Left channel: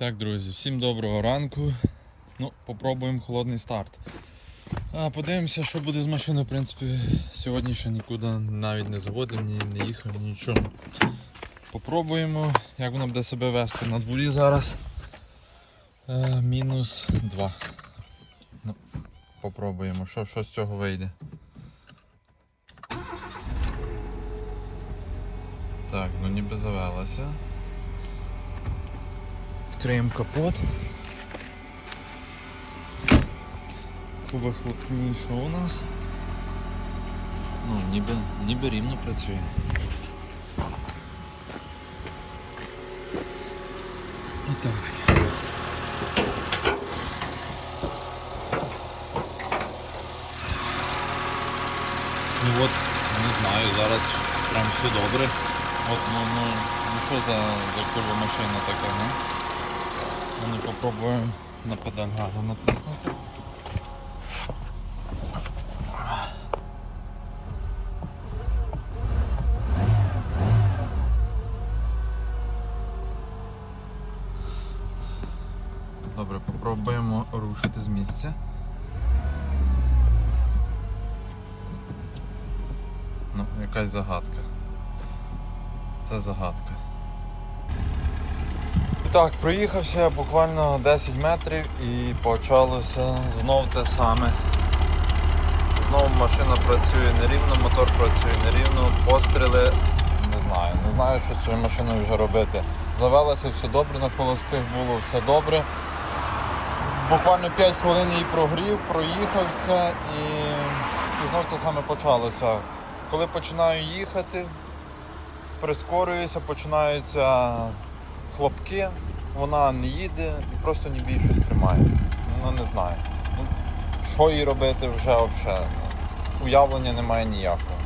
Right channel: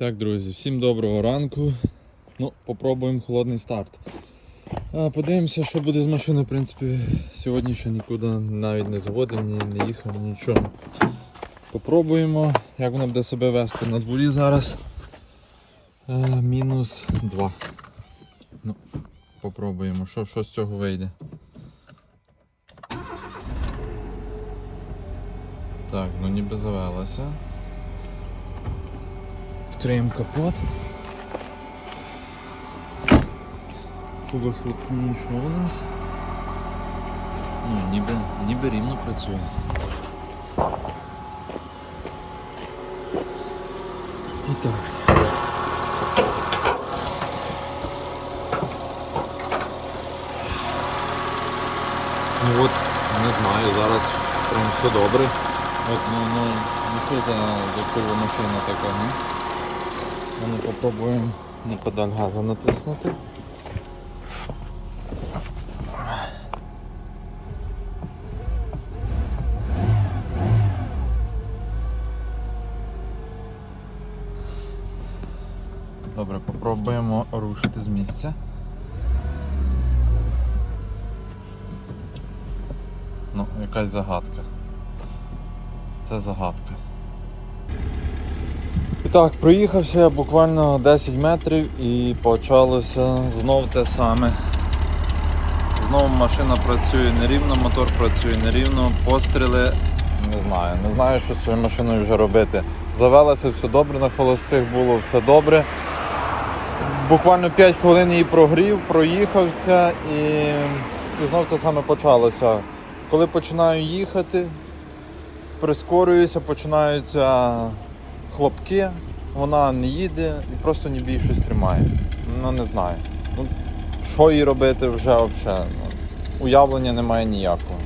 Так, друзі, всім доброго ранку. Ну, попробуємо холодний старт. А, подивимося, що буде з машиною. В принципі, сьогодні ще нікуди навіть не заводив, не їхав, нічого. Попробуємо, як вона буде себе вести на дворі зараз. Е, мінус 2. Ну, попробуємо, що, що з цього вийде. Так, ну ніби завелася. Відкриємо капот. Вихлопні, що у нас? Ну, ніби, ніби рівні працює. І так. Ну от, не знаю, зараз прям все добре. От, ну, ну, ну що за, за курва машина така, ну? Ми попробуємо на педаль газу натиснути. Добре, попробуємо рушити з місця. Ну, якась загадка. Це загадка. Так, проїхався буквально 10 метрів і почалося знов те саме. Знову машина працює нерівно, мотор працює нерівно, постріли. Не знаю, не знаю, що з цією машиною вже робити. Завелося все добре, на холостих було все добре. Буквально 5 хвилин її прогрів, проїхався і, і знов це саме почалося. Коли починаю їхати, прискорююся, починаються хлопки, вона не їде і просто ніби щось тримає. Вона не знає. Що їй робити вже взагалі? Уявлення немає ніякого.